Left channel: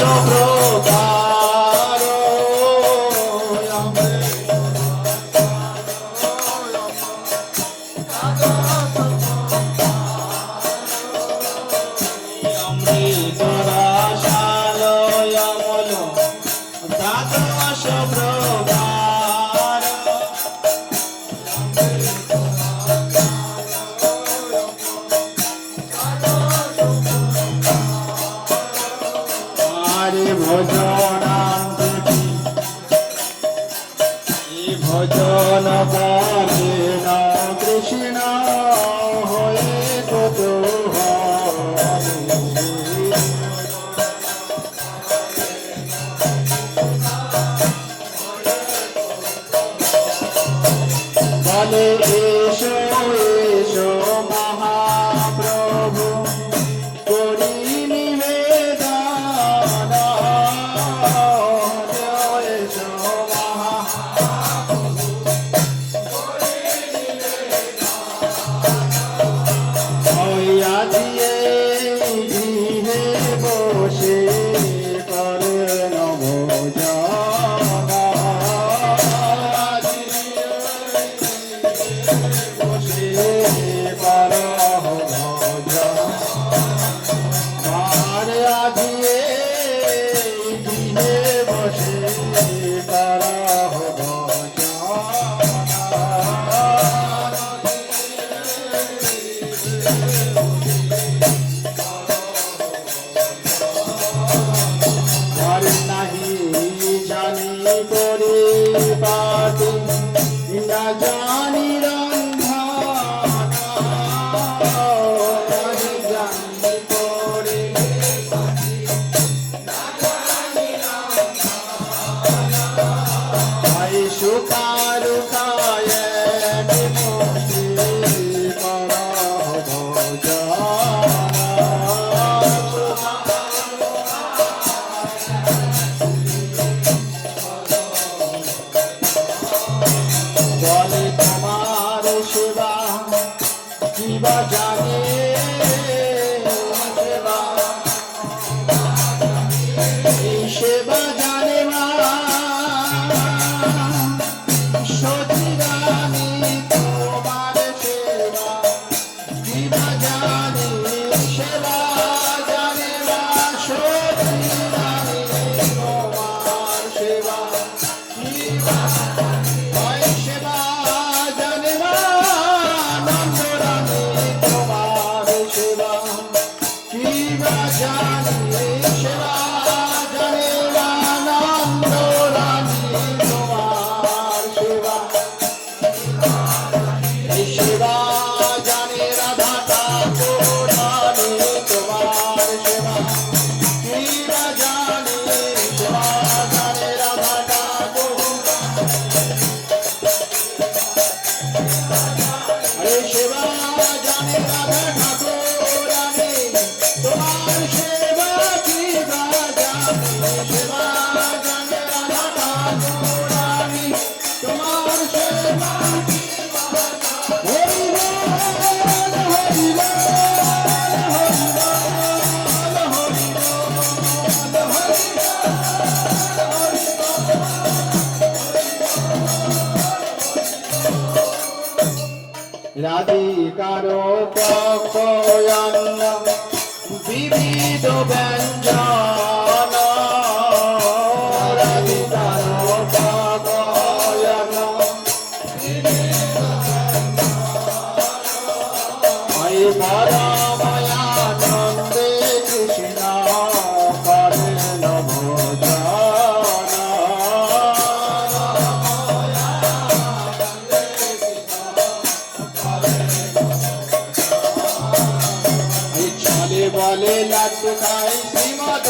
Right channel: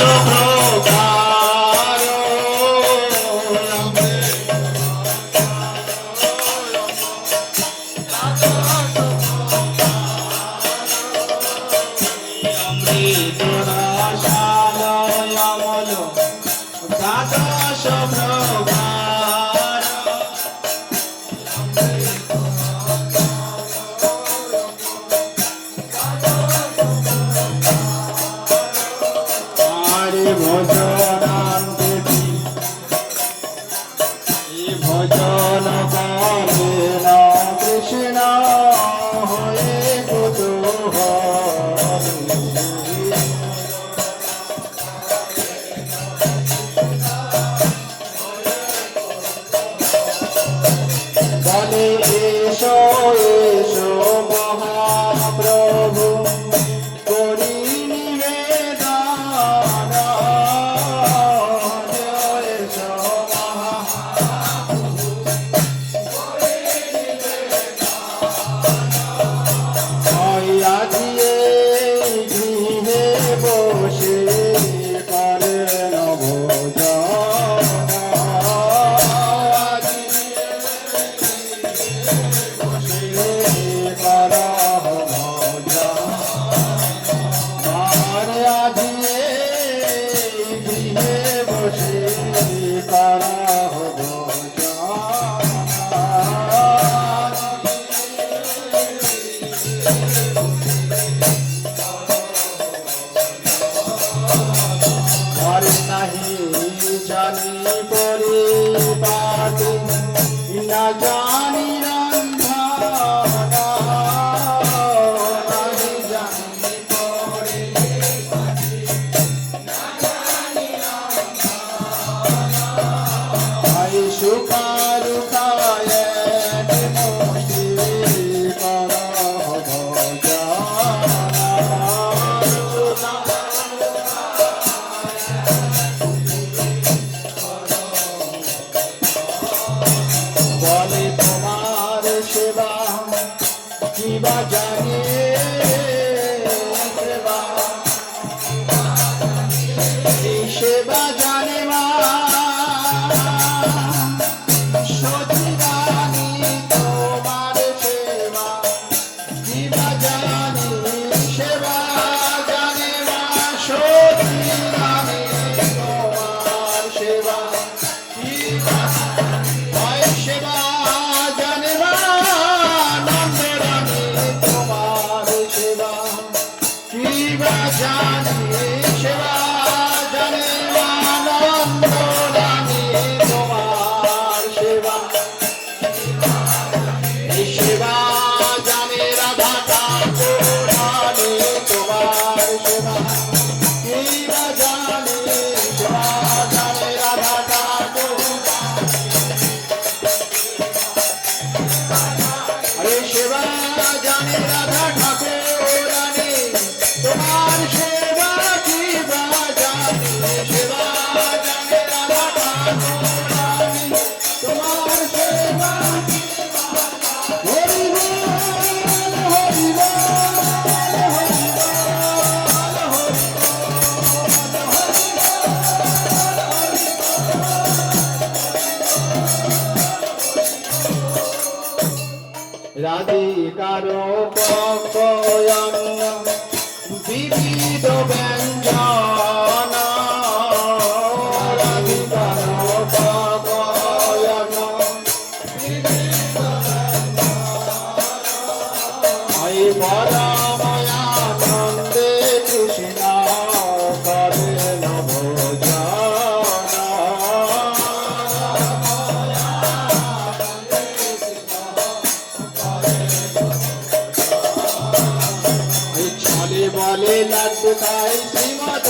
প্রকার অমৃত রসালয় অমল দ্বাদশ প্রকার ভজন ভজন করেন কৃষ্ণ হয়ে বলে এসো এসো মহাপ্রভু করি সেবা জানে না সচিরানি তোমার সেবা দিবা জানি সেবা জানে না সচিরানি তোমার সেবা সেবা জানে না নন্দরানি তোমার সেবা কিবা জানি সেবা রাধিকার পক্ষয়ন বিবিধ ব্যঞ্জন রাধিকার পক্ষয়ন পরময়ানন্দে কৃষ্ণ করেন বলে লাড্ডু খাই শ্রীমদ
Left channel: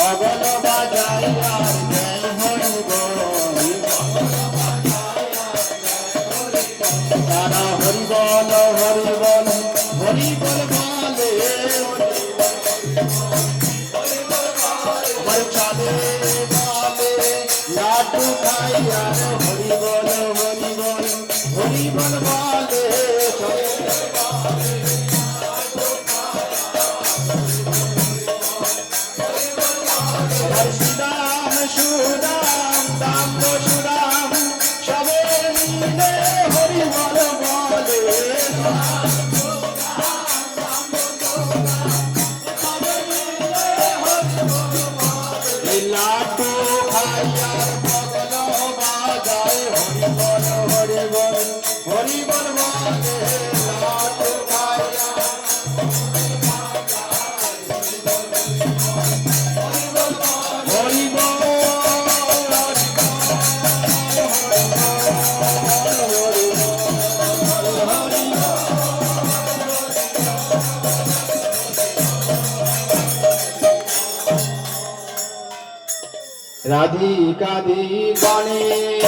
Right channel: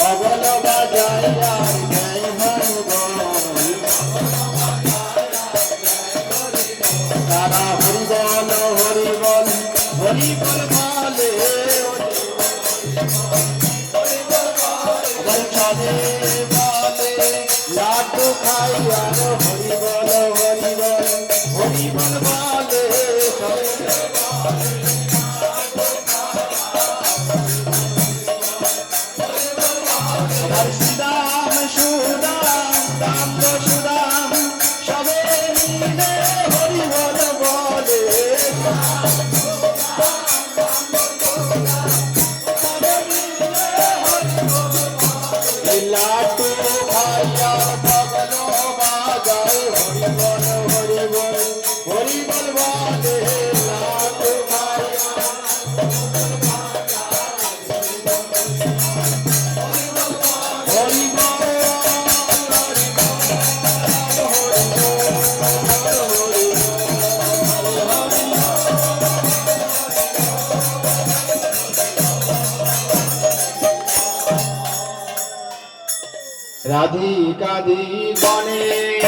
গগন বাজাই তারা হরি বল হরি বল হরি বল বলে চলে বলে লাড্ডু খাই আর হরি বল হরি বল হরি বল বলে লাটু খাইয়া বগল বাজায় হরি বল হরি বল হরি বল বাজে লাটু খাইয়া হরি বল রাধিকা দিবানে